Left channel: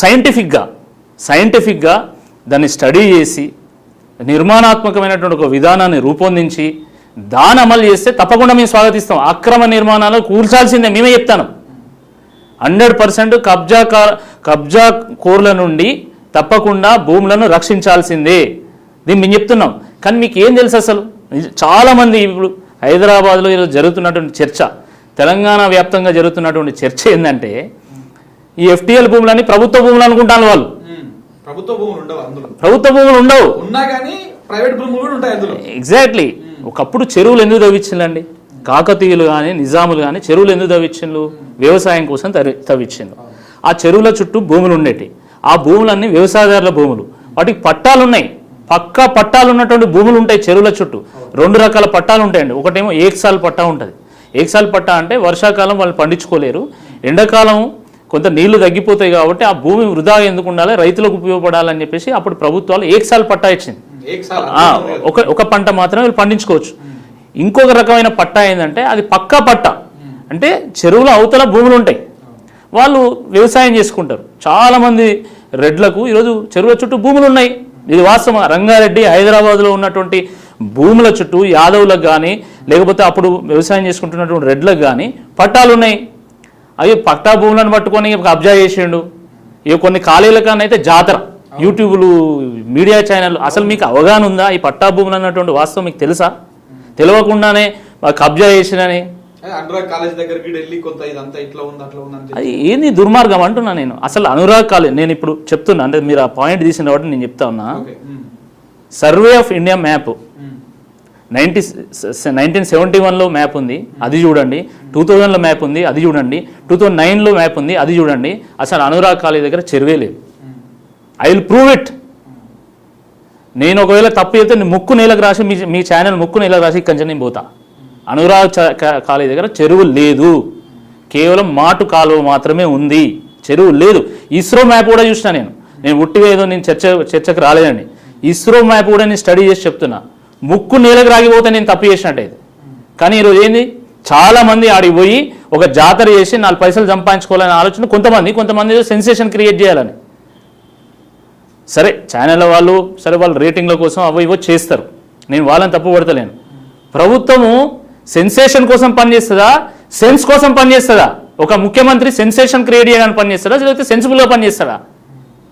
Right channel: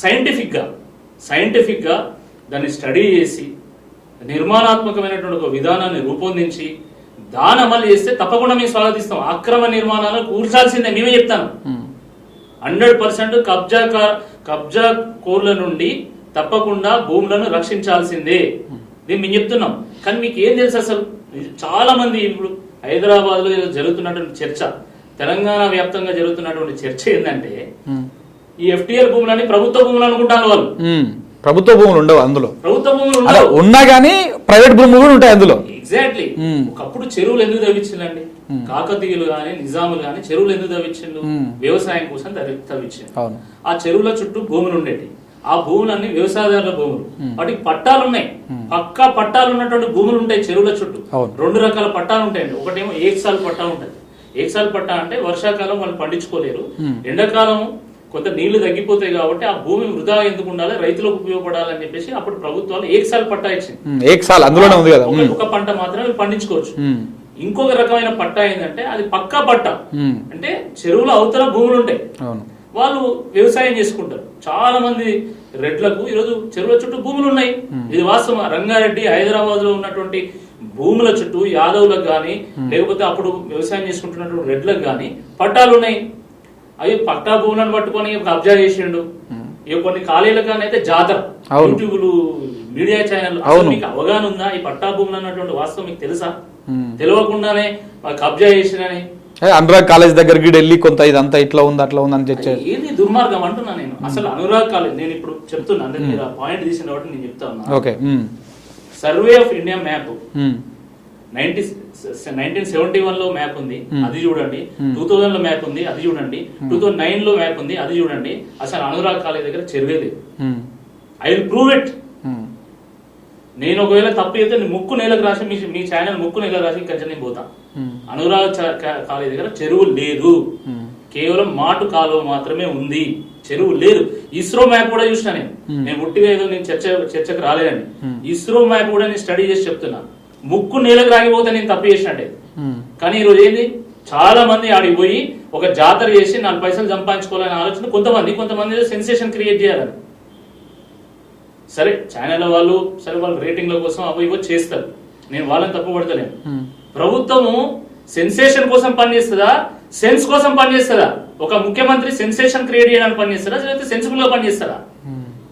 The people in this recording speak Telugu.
సైంటిఫిక్గా దాన్ని స్టడీ చేసి నిర్మాణాత్మకమైనటువంటి ఒక విధానాన్ని రూపొందించి దాన్ని అమలు చేస్తే తప్పకుండా మేము స్వాగతిస్తాం. అక్రమ నిర్మాణాలు కూల్చాల్సిందే, మేమే చెప్తాను. 100% కబ్జా కోర్ల నుండి తప్పకుండా భూములను రక్షించాల్సిందే, దీన్ని మేము చెప్తున్నాం. కానీ మీకు ఏం తెలుసు అసలు? చాలామంది ఇప్పుడు హైదరాబాద్లో ఈరోజు జరుగుతున్నటువంటి చర్చ, తెలంగాణ వ్యాప్తంగా జరుగుతున్నటువంటి చర్చ ఏంటంటే ఈ FTL భూములని ప్రభుత్వ భూములు అనుకుంటాను వాళ్ళు. ప్రభుత్వ భూములు ఉండవు అందులో, ప్రభుత్వ భూములు ఉండవు, ఉన్నా కానీ ప్రైవేట్ భూములు కూడా ఉంటాయి అందులో. ఎగ్జాక్ట్లీ. ఒకప్పుడు చెరువులు ఎందుకు తవ్వించిందండి? కాకతీయులు కానీ నిజాములు కానీ చెరువులు ఎందుకు తవ్వించిండ్రు? వ్యవసాయం కోసం తవ్వించిండ్రు. ఆ చెరువుల చుట్టూ భూములు ఉండేటి, ఆ భూములన్నీ వ్యవసాయదారుల భూములు, వాటికి పట్టాలు ఉన్నాయి, పక్కా పట్టాలు ఉన్నటువంటి భూములు ఉంటాయి చెరువుల చుట్టూ. 2 రకాల పట్టాలు ఉంటాయండి. ఒకటేమో ఏకసాల్ పట్టా ఉంటుంది. ఏకసాల్ పట్టా అంటే వర్షాకాలం వాళ్ళు పండించుకోలేరు, ఎండాకాలం కొంత నీళ్లు తగ్గిపోతాయి కాబట్టి ఆ భూమి వృధా ఎందుకు ఉండాలి, రైతులకు ఉపయోగపడాలని చెప్పేసి అప్పుడు ప్రభుత్వాలు ఏకసాల్ పట్టా ఇచ్చింది. ఒక పంట మాత్రమే వీళ్ళు పండించుకోవచ్చు. ఇంకొక రకమైన పట్టా ఏంటంటే అది పక్కా పట్టా, అంటే చెరువుల అవతల భూములు ఉంటాయి, వాళ్ళు వ్యవసాయం చేసుకుంటారు. చాలా మంది రెడ్లకు ఈరోజు చెరువుల చుట్టూ భూములు ఉన్నాయి. ఇది వాస్తవం. రంగారెడ్డి, హైదరాబాద్లో ఉన్నటువంటి భూముల చుట్టూ యాదవులకు కానీ లేకపోతే అప్పుడు వ్యవసాయం చేసుకుంటున్నటువంటి రెడ్లకు కానీ పట్టాలు ఉన్నాయి. అవి పట్టా భూములను పట్టుకొని కబ్జా చేసిండు. ఇక కొన్ని ఖాళీల కానీ అయితే జాతర, యూట్యూబ్లు, మీడియా ఛానల్, అసలు మీకు అవగాహన ఉందా ఈ పట్టా భూములు అన్నటువంటి వాస్తవం మీకు తెలుసా? తెలియకుండానే కబ్జా చేసినని అనురాగ్ కాలేజ్ దగ్గరికి వెళ్ళి కొంత ఇదంతా ఇట్లా ఉంది అట్లా ఉంది అని ఏంది దుర్మార్గం అంటున్నా నేను. అసలు అనురాగ్ కాలేజ్ నేను ఇప్పుడు చెప్తున్నా, అంటే మీరు ఆ పాయింట్ తీసిన కాబట్టి నేను చెప్తా ఉన్నా. సర్వే ఆఫ్ ఇండియా మ్యాప్ 1971లో మ్యాప్ ఉంది, అది చూడండి. 2000లో మ్యాప్ ఉంది, అది చూడండి. 2009లో మ్యాప్ ఉంది, అది చూడండి. అసలు అనురాగ్ కాలేజ్ దగ్గర చెరువే లేదు. I will prove it. నేను ఒకవేళ తప్పు అయితే ముక్కు నేలకు రాసి మీ ఛానల్ ముక్కు నేలకు రాసి ఇక్కడి నుంచి నేను పోతా. అనురాగ్ కాలేజ్ దగ్గర చెరువు లేదు, కేవలం మాటు కాలువ మాత్రమే ఉంది, చెరువు లేదు. ఇస్రో మ్యాప్ కూడా చూసినా నేను ఉట్టిగా ఏదో నేను చర్చకు రాలేదండి. ఇస్రో మ్యాప్ కూడా నేను స్టడీ చేసి చెప్తున్నా. ముక్కు నేలకు రాగిపోతే నేను తప్పు చేసినట్టే. కానీ ఈరోజు ఏంది, చాలా మంది ఆడికి పోయి ఒక జాతర చేసి 4 పైసలు సంపాదించుకోవాలని ఆలోచన కొంతమంది సెన్సేషన్ క్రియేట్ చేయాలని. సరే ఛానల్ వాళ్ళు వాళ్ళ రేటింగ్ల కోసం ఇవో చేస్తారు, నేను వాళ్ళని తప్పు పడతలేను. ప్రభుత్వము సెన్సేషన్ కోసం పనిచేస్తుందా, సెన్స్ కోసం పనిచేస్తుందా? ఒక ముఖ్యమంత్రి సెన్సేషన్ క్రియేట్ చేయడానికి పనిచేస్తాడా, లేకపోతే సెన్సిబుల్గా పనిచేస్తాడా?